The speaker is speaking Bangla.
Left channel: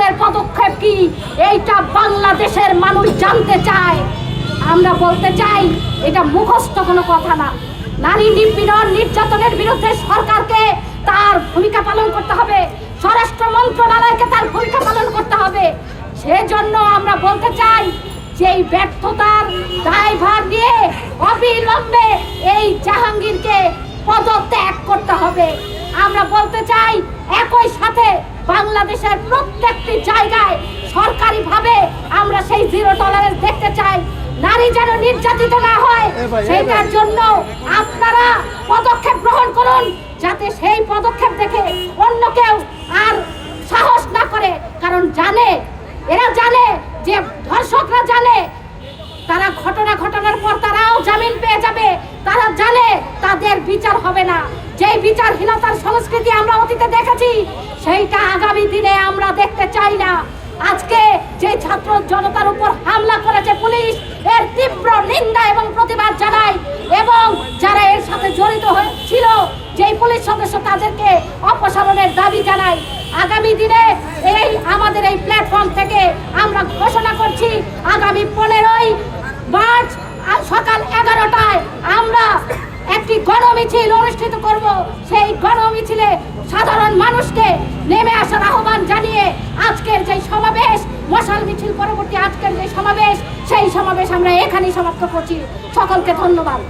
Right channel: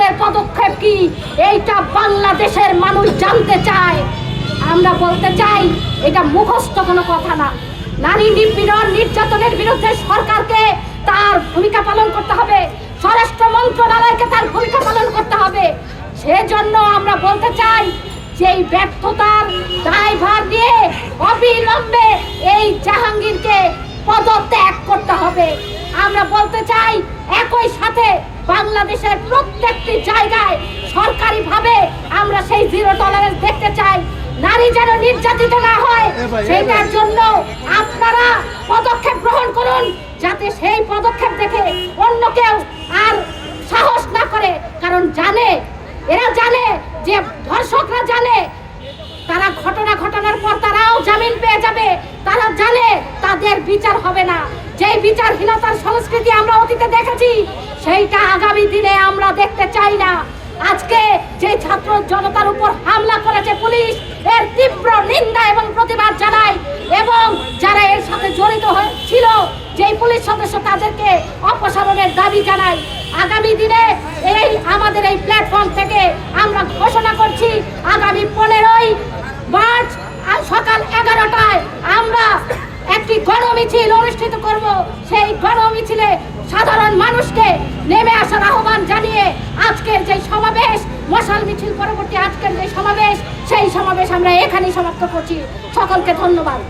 আপনাদের পদক্ষেপ কি এইটা বাংলাদেশের মানুষ জানতে চায়। আমরা বলতে চাই এটা মুখস্থ কোনো কথা না। নারী নিপীড়ন নির্যাতনের বিরুদ্ধে সরকারকে তার ভূমিকা পালন করতে হবে, স্বরাষ্ট্র মন্ত্রণালয়কে তার ভূমিকা পালন করতে হবে। সেজন্য আমরা বলতে চাই যে এই ব্যর্থতার দায়ভার নিয়ে অবিলম্বে এই জাহাঙ্গীরকে পদত্যাগ করতে হবে। আমরা বলতে চাই একই সাথে বাংলাদেশের প্রত্যেকটি জায়গায় সরকারিভাবে আমরা সেই জিরো টলারেন্স দেখতে চাই। নারী যেন নির্যাতিত না হয় সেটার জন্য আপনারা পদক্ষেপ গ্রহণ করুন, যাতে সেই পদক্ষেপ দেখে অন্য কেউ আর সাহস না করে। কারণ এরা জানে যে ধর্ষকরা জানে তারা ঘটনার পর তারাও জামিন পেয়ে যাবে। তারা জানে তাদের বিচার হবে না। যেই বিচারহীনতার সংস্কৃতি আমরা অতীতে দেখেছি সেইটা আগামী দিনে আমরা দেখতে চাই না। আজকে যে ছাত্র জনতার উপর হামলা করেছে পুলিশ, এর তীব্র নিন্দা এবং প্রতিবাদ জানাই, এবং যারা এর সাথে জড়িত হয়েছিল যেই পুলিশ সদস্য তাদেরকে অপসারণের দাবি জানাই। আগামী দিনে আমাদের এই প্ল্যাটফর্ম থেকে আমরা ঘোষণা করছি আগামী 15ই মার্চ সকাল 11টায় আমরা একটি গণমিছিল অনুষ্ঠিত করব। সেই গণমিছিলে সাধারণ মানুষকে নেমে আসার আহ্বান জানিয়ে আজকের যে সমাবেশ, মশাল মিছিল পরবর্তী আজকের যে সমাবেশ, সেই সমাবেশ আমরা এখানেই সমাপ্ত করছি। সকলকে ধন্যবাদ।